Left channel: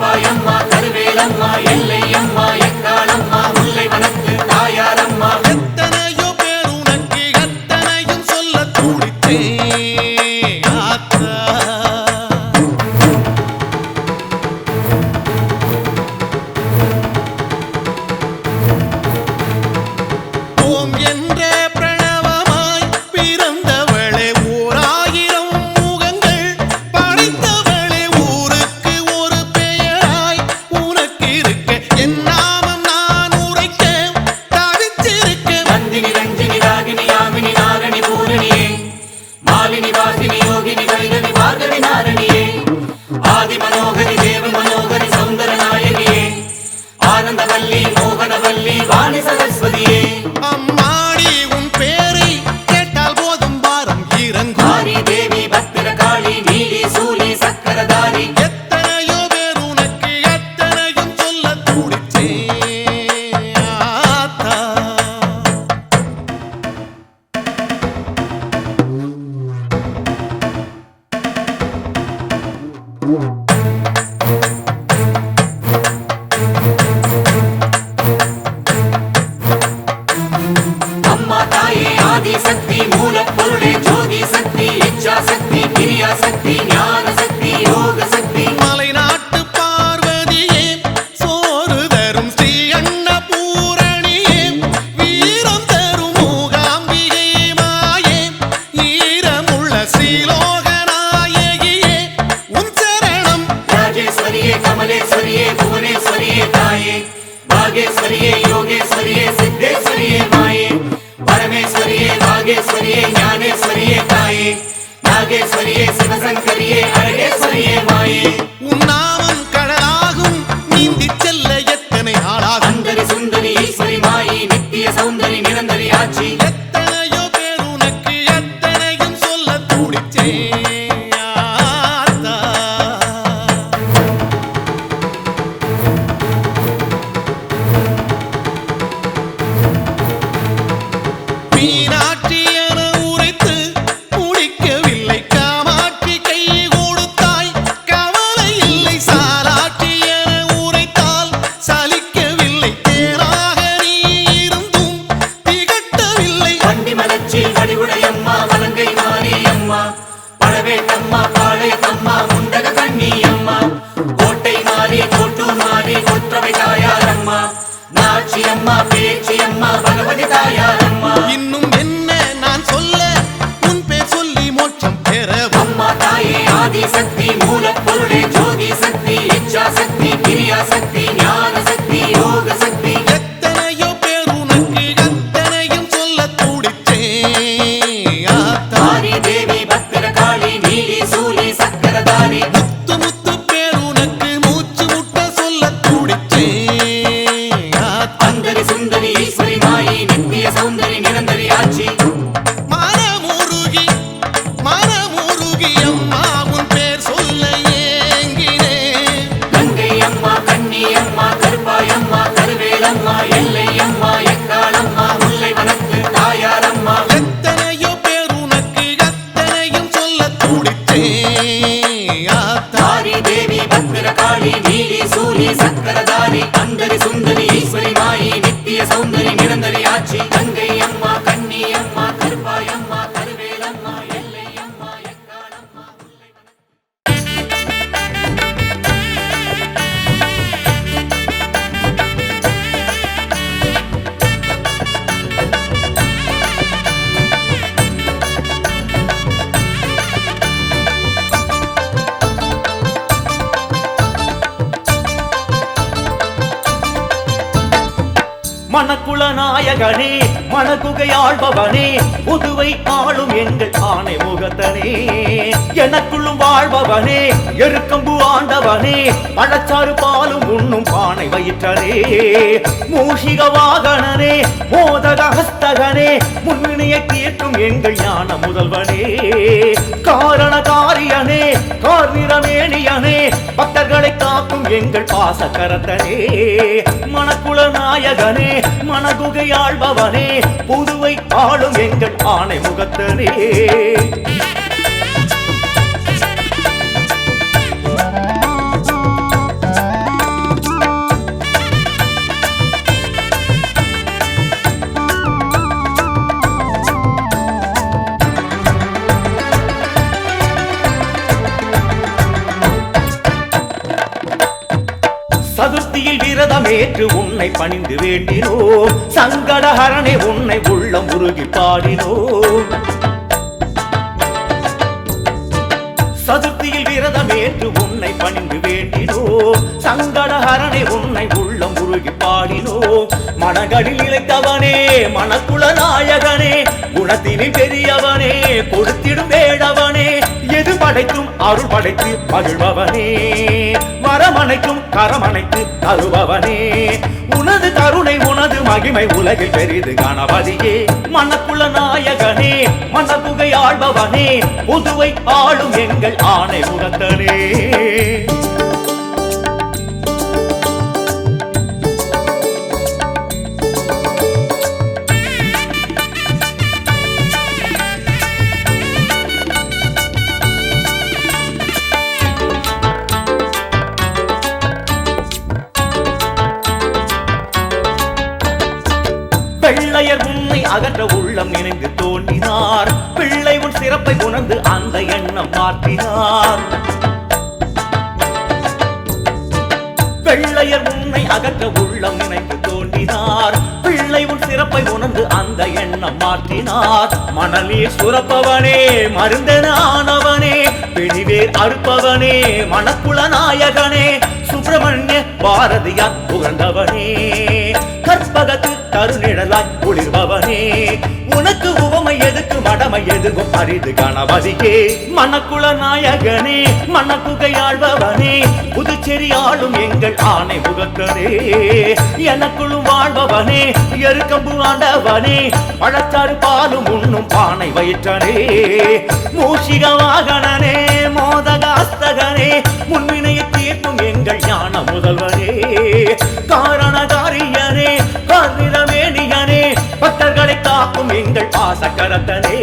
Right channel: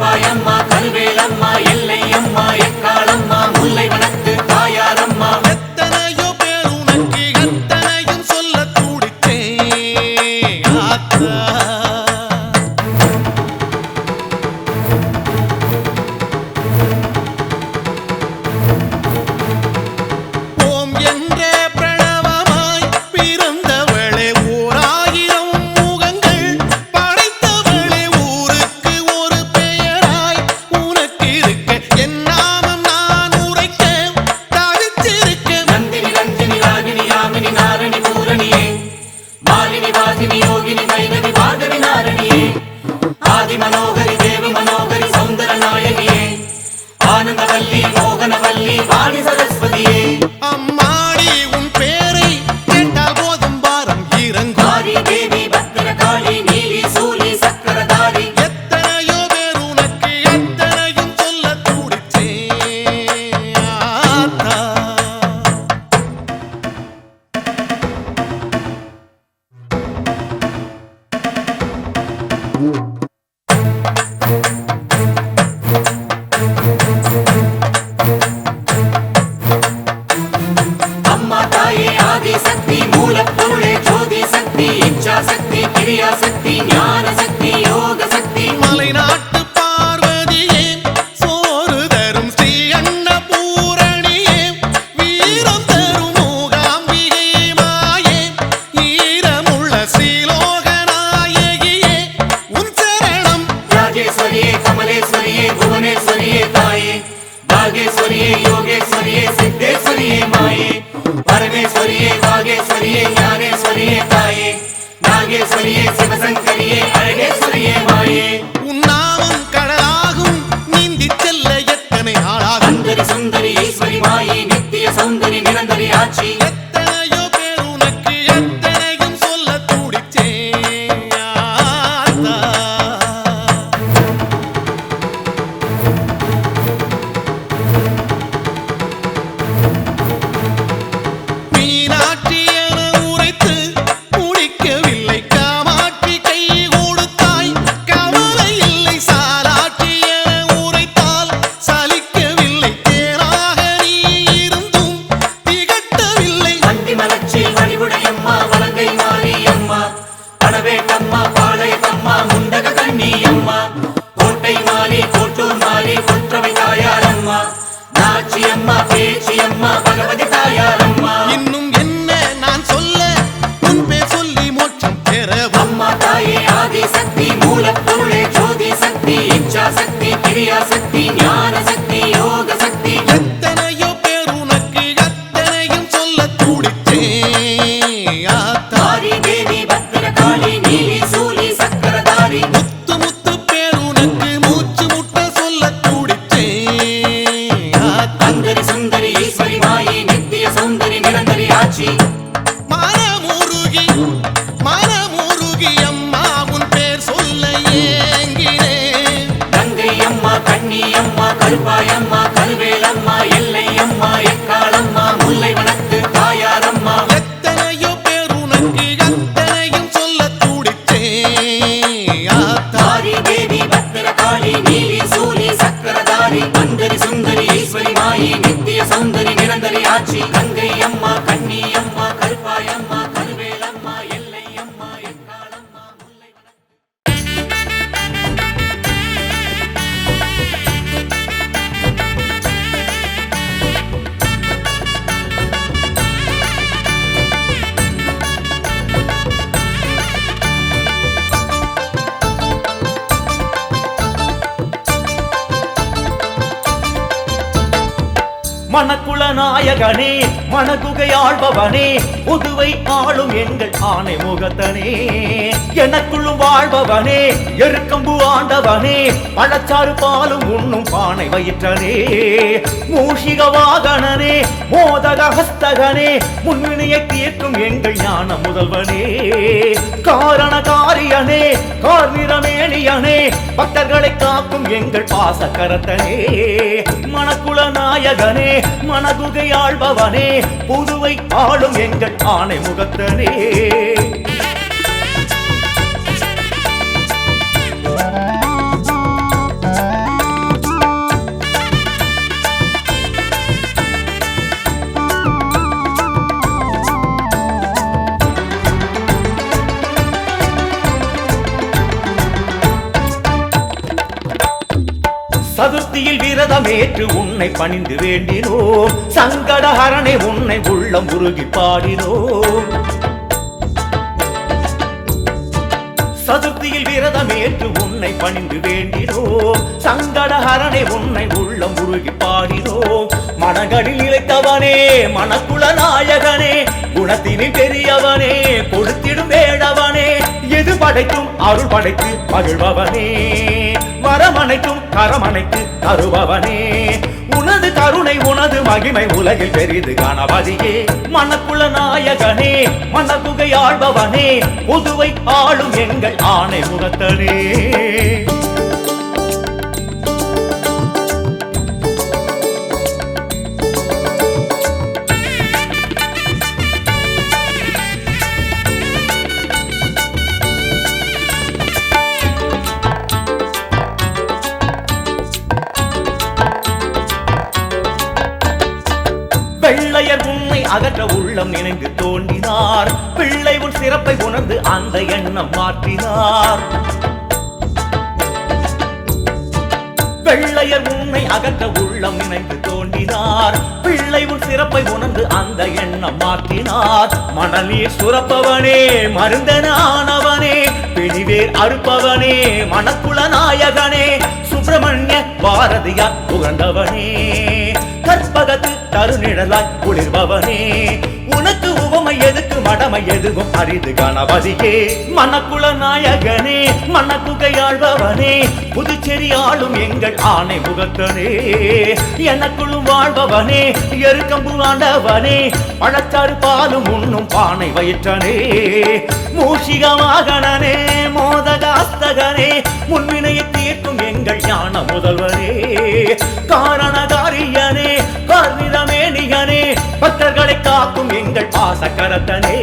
Bye. ಮಗನವಲ್ಲಿ ಬಾಳಿ ಸರಸ್ವತಿಯೇ இன்னும் என்ன நான் சொல்ல? உன் பேர் சொல்லி மோட்சம் பெற அம்மா தாயே ஆதி சக்தி மூல பொருளே ஜோதி சக்தி இச்சா சக்தி கிரியா சக்தி ஞான சக்தி யோக சக்தி. எத்தனையோ பேர் உனக்கு அத்தனையும் சொல்ல துடித்தேன் ஆத்தாரி தேவி பத்திர காளி நீலி சூலி நாயகனே மணக்குகை ஆள்பவனே புதுவை ஆளும் எங்கள் ஆணை முகத்தனே. எனக்குள்ளும் வாழ்பவனே எருக்கம்பு ஆண்டவனே பழச்சாறு பாலும் உண்ணும் பானை வயிற்றனே. மூஷிக வாகனனே மோதக ஹஸ்தகனே முன்வினையை தீர்க்கும் எங்கள் ஞான முதல்வனே. காரண காரியனே கார்நிறமேனியனே பக்தர்களை காக்கும் எங்கள் பாசக்கரத்தனே மணக்குள நாயகனே மணகுகை புதுவை ஆளும் எங்கள் ஆணை முகத்தனே சதுர்த்தியில் விரதமேற்று உன்னை பணிந்து வேண்டினோம். சங்கடஹரனை உன்னை உள்ளம் உருகி பாடினோம். சதுர்த்தியில் விரதம் ஏற்று உன்னை பணிந்து வேண்டினோம் சங்கடஹரணே உன்னை உள்ளம் உருகி பாடினோம் மனங்களில் இழைத்தவனே மனக்குள நாயகனே குணத்தினில் பெரியவனே கொடுத்திடும் வேடவனே எது படைத்தும் அருள் படைத்து மகிழ்பவனே மரமனைக்கும் கரமனைத்து தருபவனே உனது கருணை உனது மகிமை உலகில் பெரிது கணபதியே மனக்குள நாயகனே மனக்குகை ஆழ்பவனே புதுவை ஆளும் எங்கள் ஆணை முகத்தனே. அகற்ற உள்ளம் நினைந்து தோன்றினார். பிள்ளை உன் சிறப்பை உணர்ந்து அந்த எண்ணம் மாற்றினார். வெள்ளையர் என்னை அகற்ற உள்ளம் நினைந்து தோன்றினார். பிள்ளை உன் சிறப்பை உணர்ந்து அந்த எண்ணம் மாற்றினார். மணலீர் சுரப்பவனே மருந்தனானவனே பிணிவேர் அறுப்பவனே மணக்குள நாயகனே சுப்பிரமணிய பாரதியார் புகழ்ந்தவனே. கற்பகத்து தருநிழலாய் குளிர்பவனே. உனக்கு உவமை எதுக்கு மடமை எதுவும் அரிது கணபதியே. மணக்குள நாயகனே மணக்குகையாழ்பவனே புதுச்சேரி ஆளும் எங்கள் ஆணை முகத்தனே எனக்குள்ளும் வாழ்பவனே எருக்கம்பு ஆண்டவனே. பழச்சாறு பாலும் உண்ணும் பானை வயிற்றனே. மூஷிக வாகனனே மோதகாஸ்தகனே. முன்வினையை தீர்க்கும் எங்கள் ஞான முதல்வனே. காரணகாரியனே கார்நிறமேனியனே பக்தர்களை காக்கும் எங்கள் பாசக்கரத்தனே.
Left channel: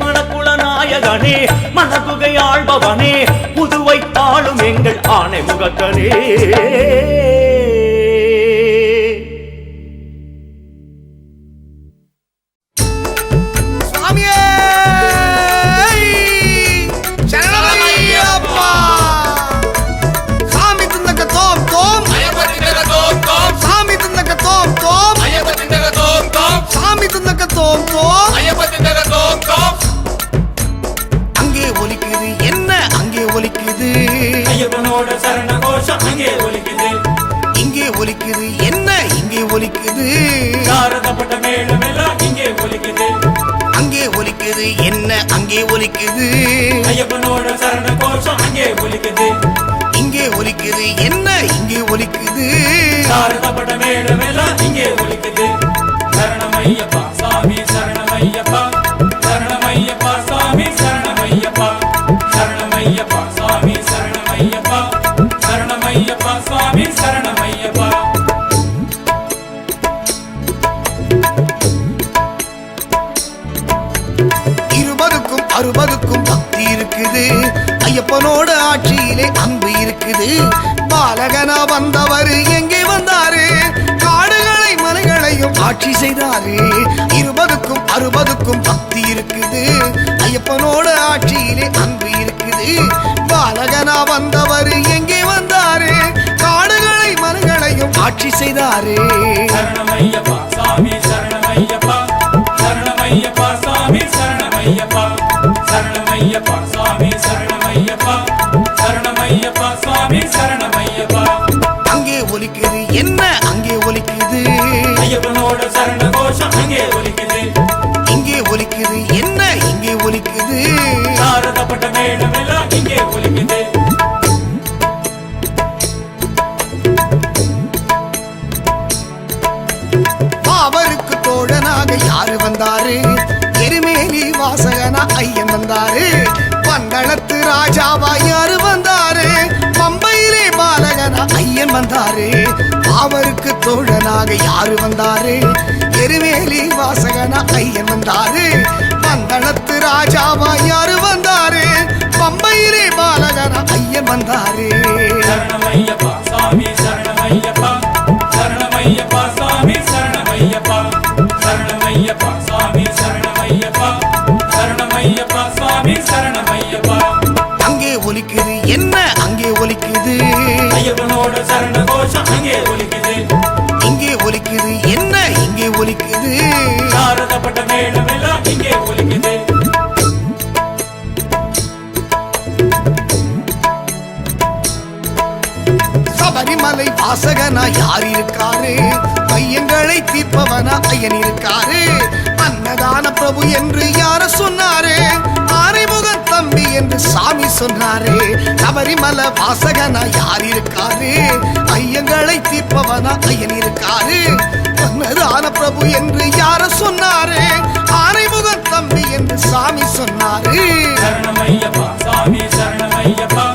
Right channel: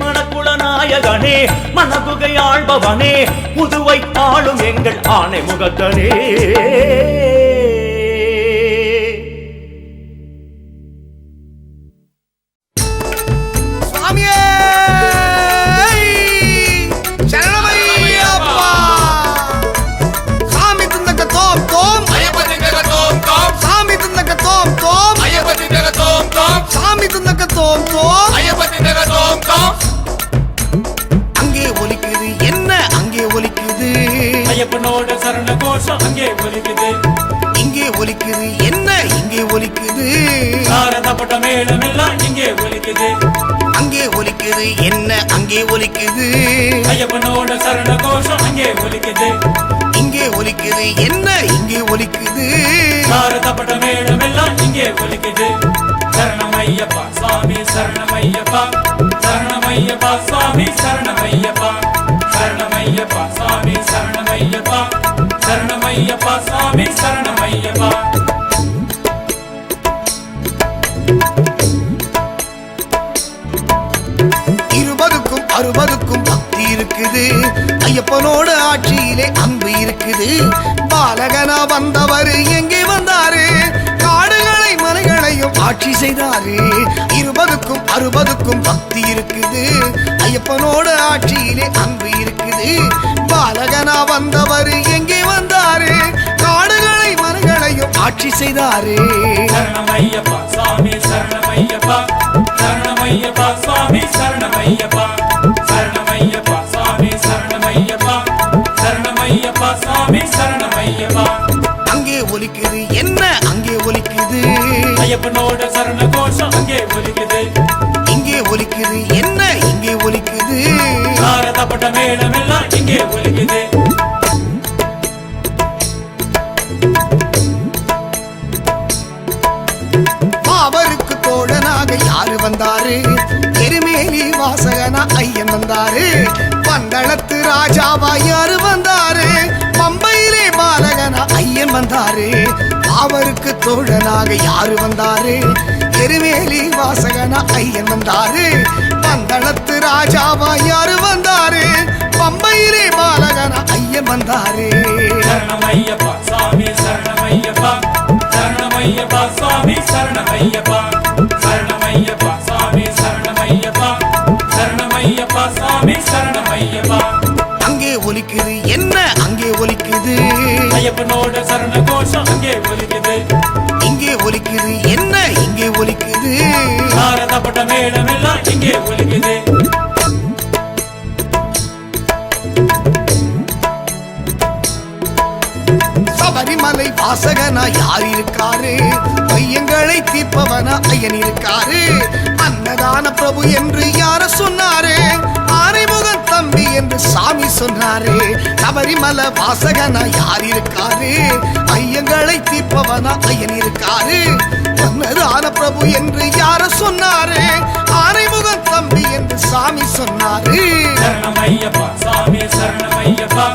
மணக்குள நாயகனே மனகுகை ஆள்பவனே. புதுவை ஆளும் எங்கள் ஆணை முகத்தனே இங்கே ஒலிக்குது. அங்கே ஒலிக்குது என்ன அங்கே ஒலிக்குது? ஐயப்பனோட சரண கோஷம் அங்கே ஒலிக்குது. இங்கே ஒலிக்குது என்ன இங்கே ஒலிக்குது? சாரதப்பட்ட இங்கே ஒலிக்குது. சாமி அறுபதுக்கும் பக்தி இருக்குது. ஐயப்பனோட ஆட்சியிலே அன்பு இருக்குது. பாலகனா வந்தவர் எங்கே வந்தாரு? காடுகளை மலைகளையும் ஆட்சி செய்தாரு. இருபதுக்கும் அறுபதுக்கும் பக்தி இருக்குது. ஐயப்பனோட ஆட்சியிலே அன்பு இருக்குது. பாலகனா வந்தவர் எங்கே வந்தாரு? காடுகளை மலைகளையும் ஆட்சி செய்தாரு. சரணமையப்பா சாமி சரணமையப்பா சரணமையப்பா ஒலிக்குது என்ன அங்கே ஒலிக்குது? இங்கே ஒலிக்குது என்ன இங்கே ஒலிக்குது? பாவருக்கு தோழனாக யாரு வந்தாரு? எருமேலி வாசகனா ஐயன் வந்தாரு. பந்தளத்து ராஜாவா யாரு வந்தாரு? பம்பையிலே பாலகனா ஐயன் வந்தாரு. பாவருக்கு தோழனாக யாரு வந்தாரு? எருவேலி வாசகனா ஐயன் வந்தாரு. பந்தளத்து ராஜாவா யாரு வந்தாரு? பம்பையிலே பாலகனா ஐயன் வந்தாரு. ஒலிக்குது. இங்கே ஒலிக்குது. என்ன? இங்கே ஒலிக்குது. சபரிமலை வாசகனா யார் இருக்காரு? பையங்களை தீர்ப்பவனா ஐயன் இருக்காரு? அன்னதான பிரபு என்று யார சொன்னாரே? ஆரைமுகன் தம்பி என்று சாமி சொன்னாரே. சபரிமலை வாசகனா யார் இருக்காரு? ஐயங்களை தீர்ப்பவனா ஐயன் இருக்காரு? அன்னதான பிரபு என்று யார சொன்னாரு? ஆரைமுகன் தம்பி என்று சாமி சொன்னாரு. சாமி சரணமையப்பா.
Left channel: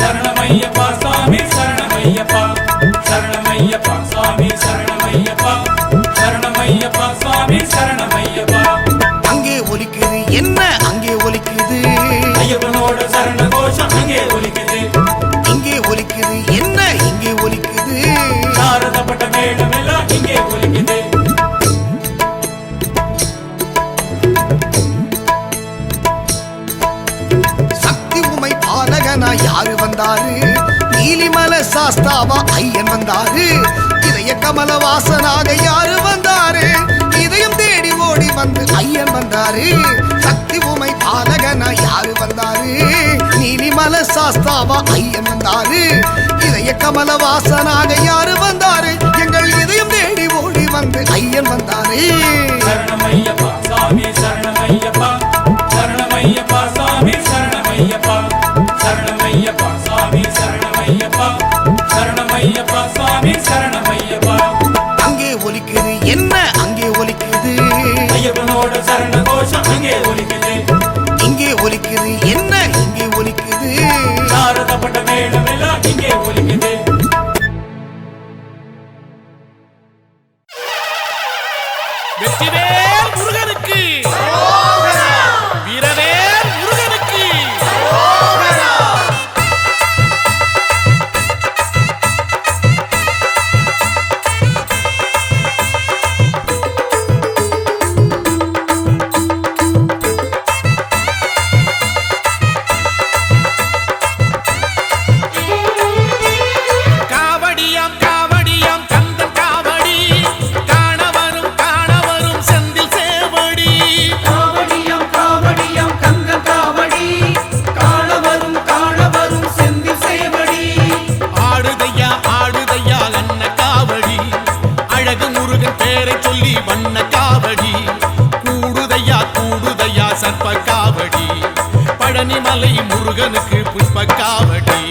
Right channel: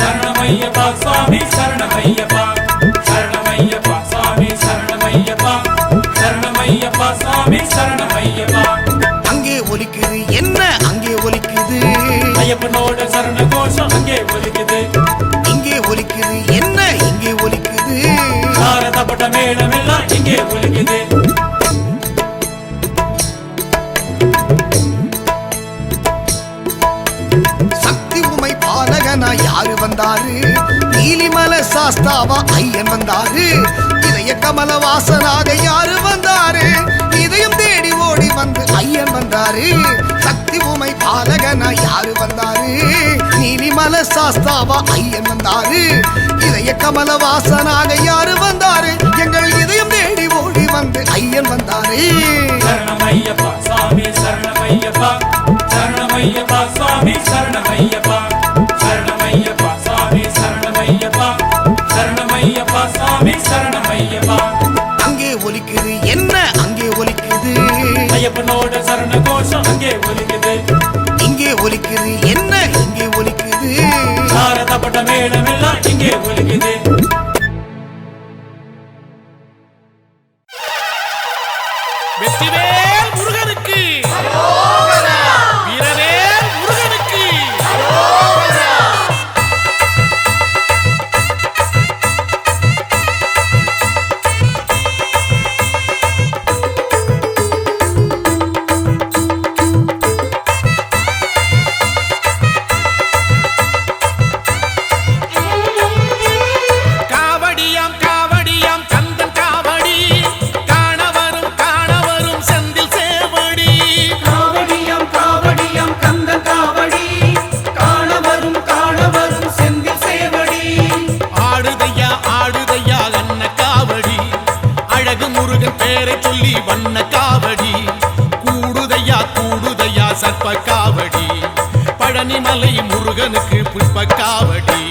சரணமையப்பா சாமி சரணமையப்பா. சரணமையப்பா சாமி சரணமையப்பா. சரணமையப்பா சாமி சரணமையப்பா என்ன அங்கே ஒலிக்குது? இங்கே ஒலிக்குது. என்ன இங்கே ஒலிக்குது? சக்தி உமை பாலகனா யாரு வந்தாரு? நீலிமல சாஸ்தாவா ஐயன் வந்தாரு. இதய கமல வாசனாக யாரு வந்தாரு? இதயம் தேடி ஓடி வந்து ஐயன் வந்தாரு. சக்தி உமை பாலகனா யாரு வந்தாரு? நீலிமல சாஸ்தாவா ஐயன் வந்தாரு. இதய கமல வாசனாக யாரு வந்தாரு? எங்கள் இதயம் தேடி ஓடி வந்து ஐயன் வந்தாரு. ஒலிக்குது இங்கே ஒலிக்குது இங்கே ஒலிக்குது? என்ன இங்கே ஒலிக்குது. புஷ்ப காவடி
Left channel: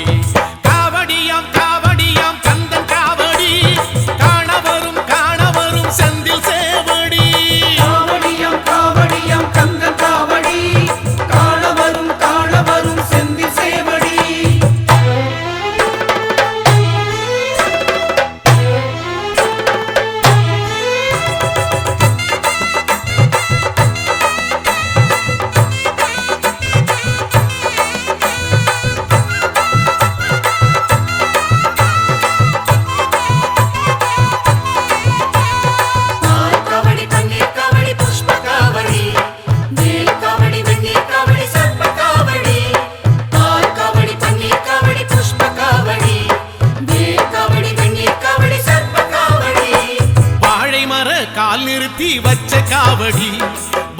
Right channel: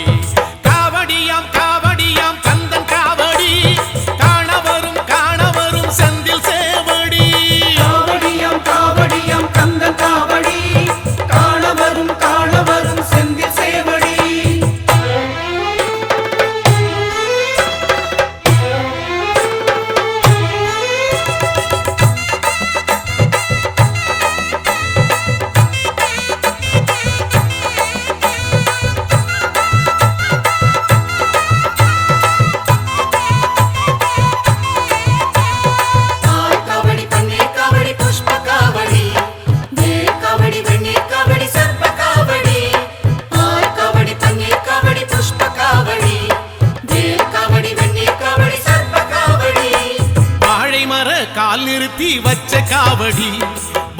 கால் நிறுத்தி வச்ச காவடி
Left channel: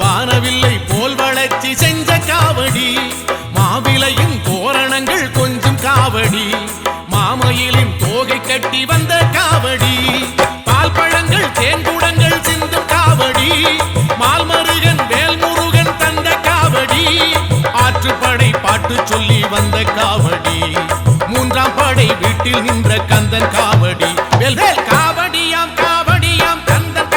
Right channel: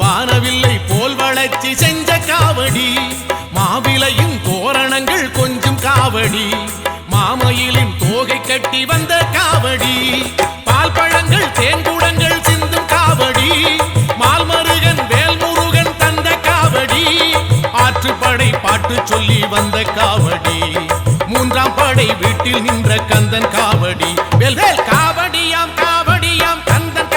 வானவில்லை போல் வளர்ச்சி செஞ்ச காவடி மாவிலையும் தோரணங்கள் கொஞ்சம் காவடி மாமயிலின் தோகை கட்டி வந்த காவடி பால் பழங்கள் தேன்குடங்கள் சிந்தும் காவடி மால்மருகன் வேல்முருகன் தந்த காவடி ஆற்றுப்படை பாட்டு சொல்லி வந்த காவடி மூன்றாம் படை வீட்டில் நின்ற கந்தன் காவடி வேல் காவடியாம் காவடியாம் கந்தன்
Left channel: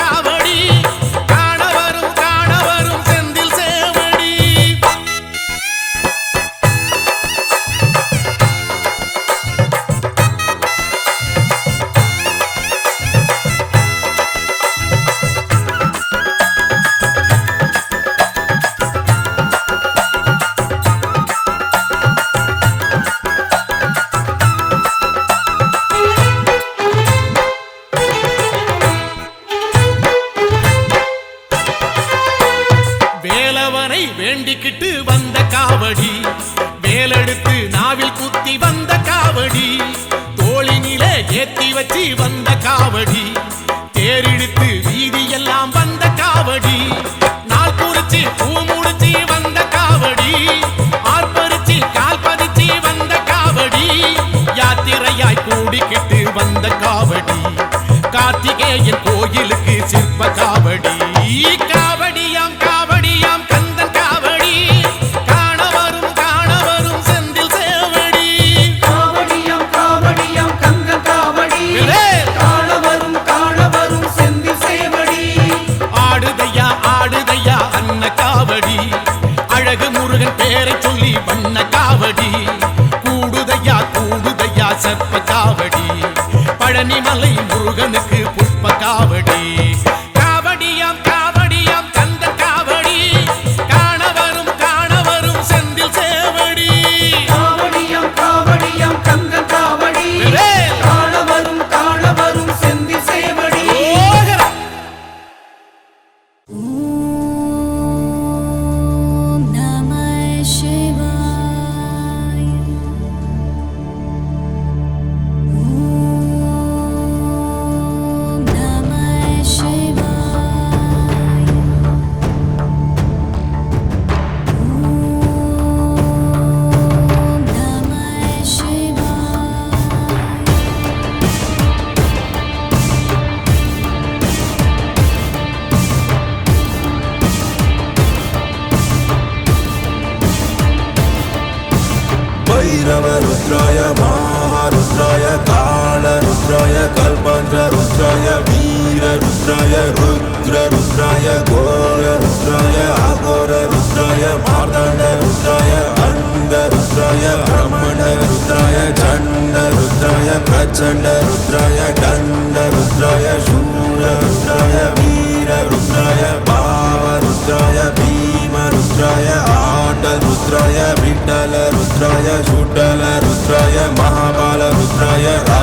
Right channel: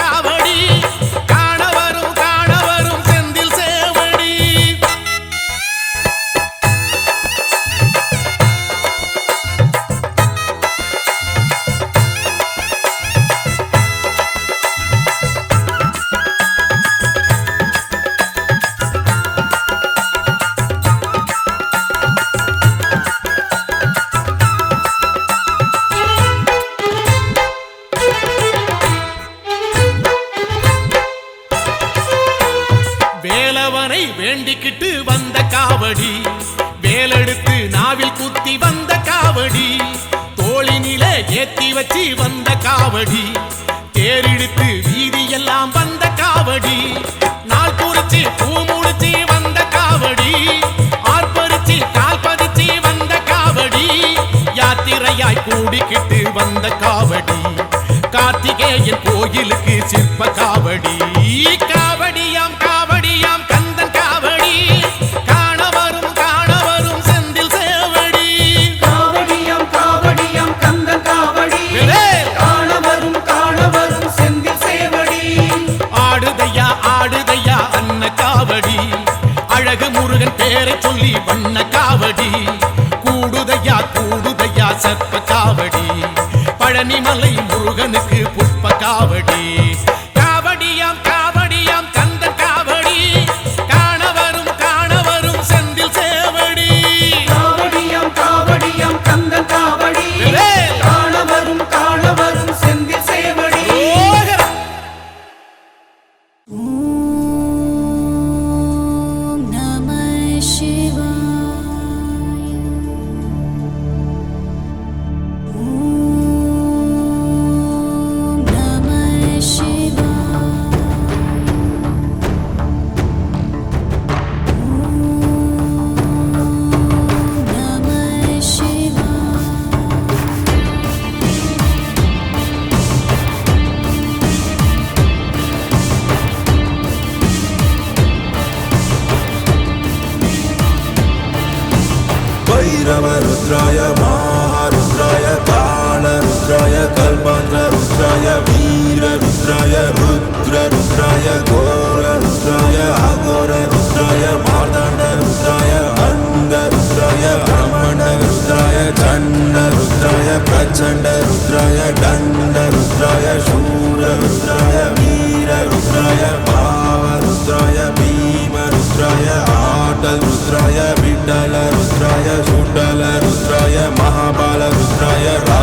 காவடி. தோளினில ஏத்தி வச்சு வந்த காவடி தேரிழுத்து வீதியெல்லாம் வந்த காவடி. நாள் குறிச்சு பூ முடிச்சு வந்த காவடி. ஆர்ப்பரிச்சு கால் பதிச்சு வந்த காவடி. யாத்திரையாய் கூடிக்கிட்டு வந்த காவடி. கார்த்திகேயன் கோயிலுக்கு சிற்ப காவடி. காவடியாம் காவடியாம் கண் முருகன் பேரை சொல்லி வண்ண காவடி. கூடுதையா கூடுதையா சர்ப்ப காவடி. பழனிமலை முருகனுக்கு புஷ்ப காவடி.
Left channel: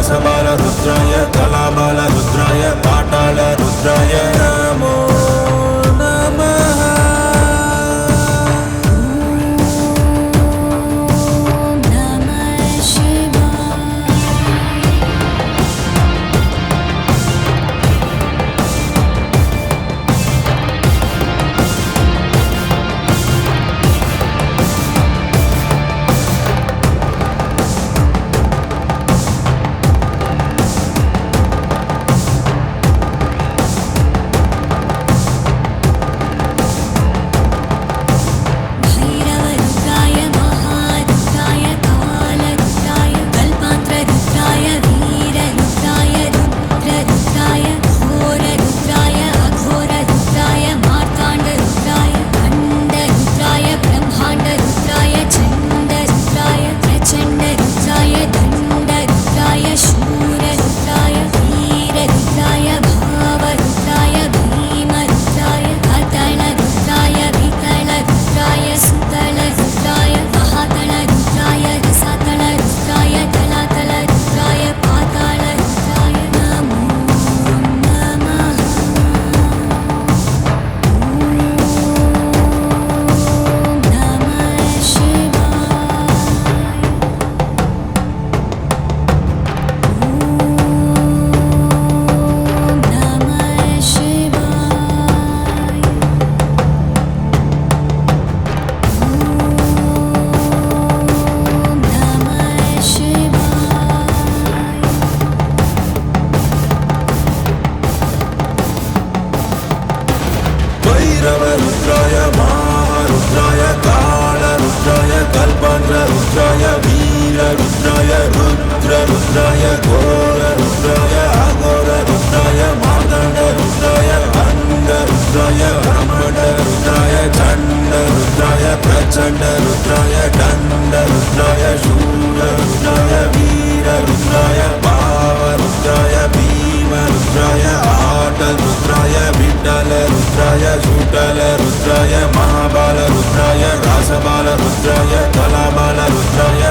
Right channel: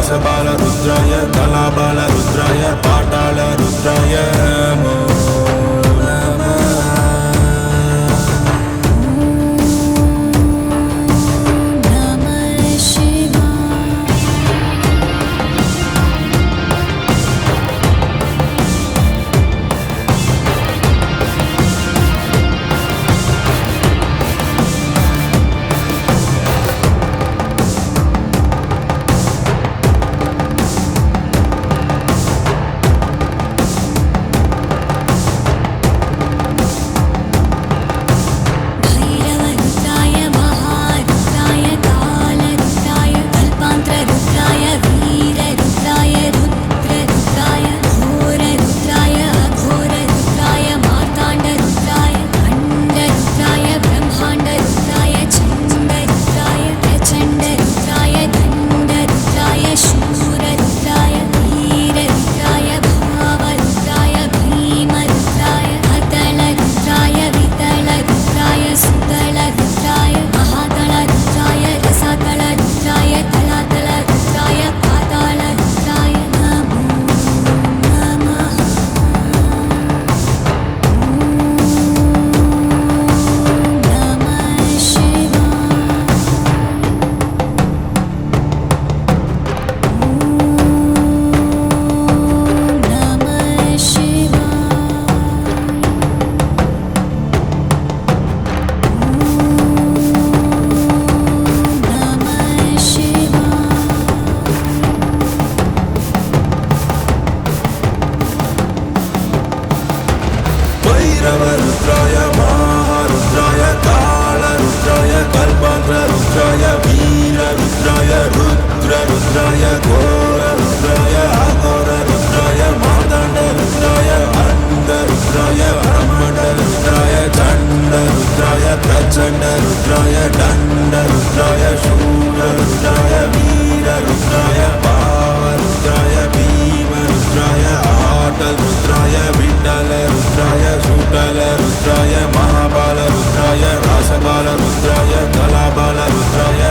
महाबालरुद्राय रासबालरुद्राय कलाबालरुद्राय पाटालरुद्राय नमो नमः रुद्राय वीररुद्राय चण्ड घोररुद्राय प्रचण्ड मादण्डरुद्राय दण्ड ब्रह्मणरुद्राय शूर प्रचण्डरुद्राय वीर सूररुद्राय वीररुद्राय भावरुद्राय रुद्राय आटल रुद्राय भीड्डाल रुद्राय शूटल रुद्राय महाबाल रुद्राय रासबाल रुद्राय कलाबाल रुद्राय